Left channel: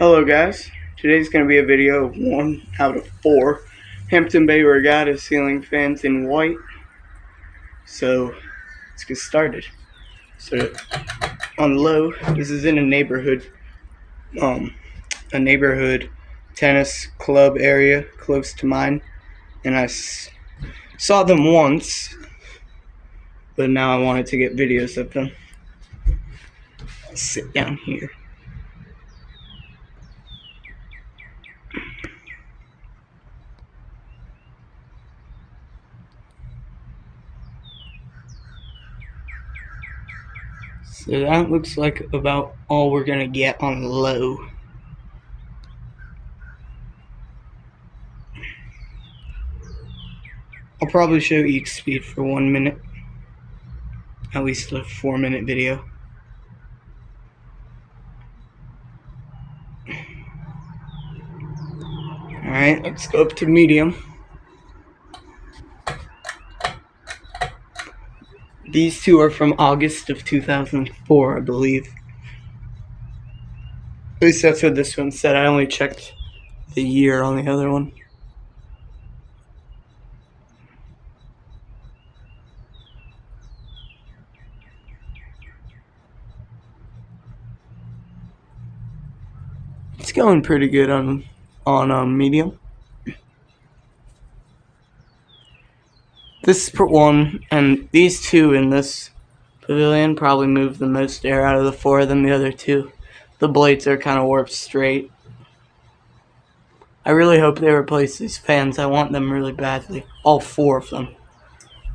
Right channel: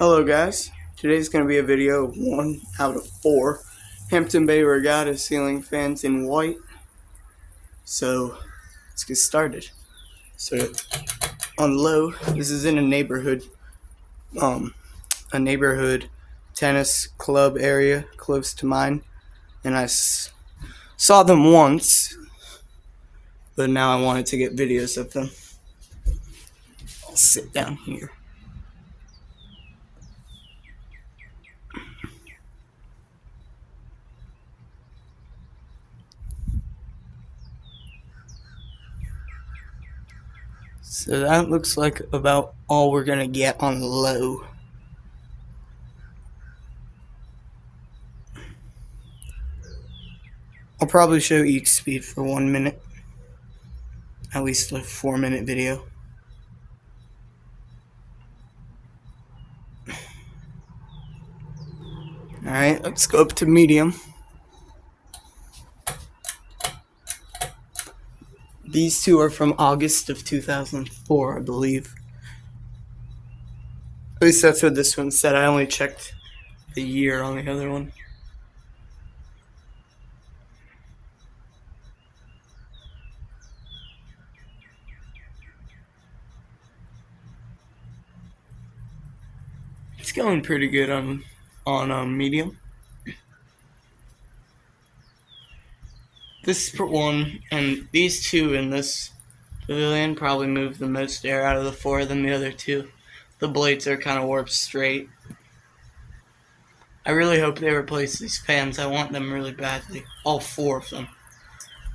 Hello guys, today's going to be a video of 1 out of 4 Hampton Bay Regatta ceiling fans in white. So let's get started. So on low, this is in a neighborhood tennis club area close to mine, and I saw them once, but now I wanted to get videos of them. I'll sit down here. So that looks like about all we're gonna get on low. I'll probably show each speed for 1 minute, at least a 4-minute video. Alright, let's go up to medium. These two are from August of 2004, I believe. At least that's what this one said. I only checked the year on the other one. It's going pretty good on medium. This one and these two in this pavilion probably move the most air out of the 4 than the other two. The blades are kind of warped straight. I really hope they replace these fans. I want them really badly. All 4 of them.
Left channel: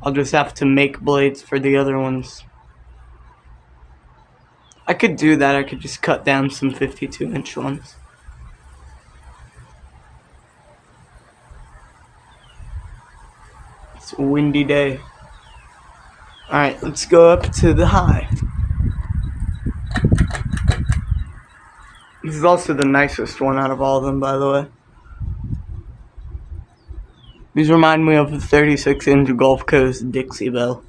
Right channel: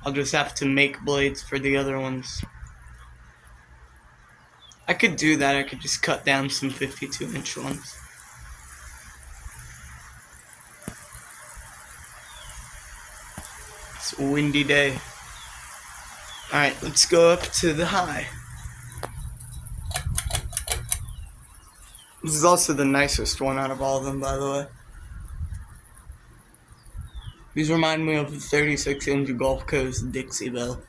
I'll just have to make blades for the other ones. I could do that. I could just cut down some 52-inch ones. It's a windy day. Alright, let's go up to the high. This is also the nicest one out of all of them, by the way. These remind me of the 36-inch Gulf Coast Dixie Belle.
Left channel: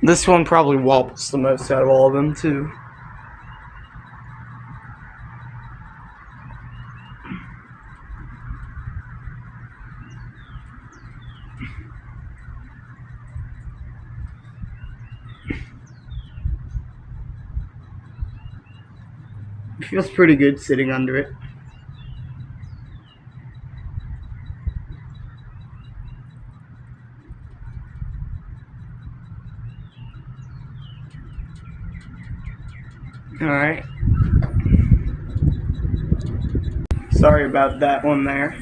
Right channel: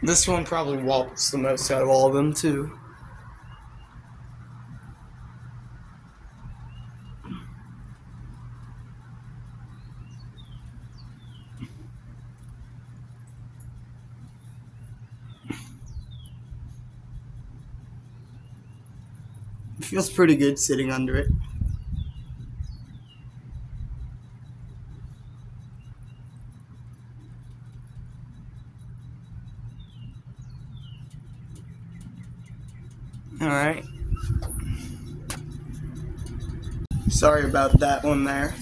This one probably wobbles the most out of all of them, too. It feels pretty good sitting under it. Alright. Sorry about that one there.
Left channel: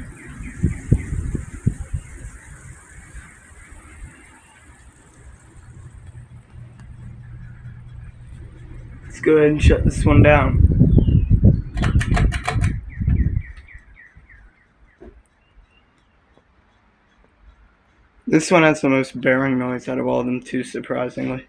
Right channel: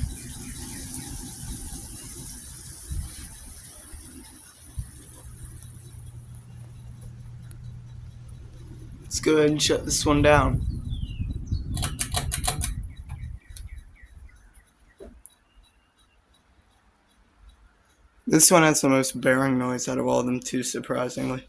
Let's go ahead and shut this one down. This one has the most bearing noise out of all of them too, surprisingly.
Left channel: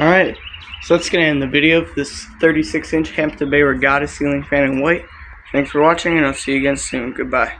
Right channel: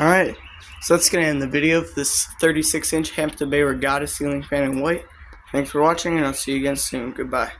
Alright, so let's get in the video of this 36-inch Hampton Bay Regatta ceiling fan in white. Thanks for watching, and I'll see you again soon. Goodbye.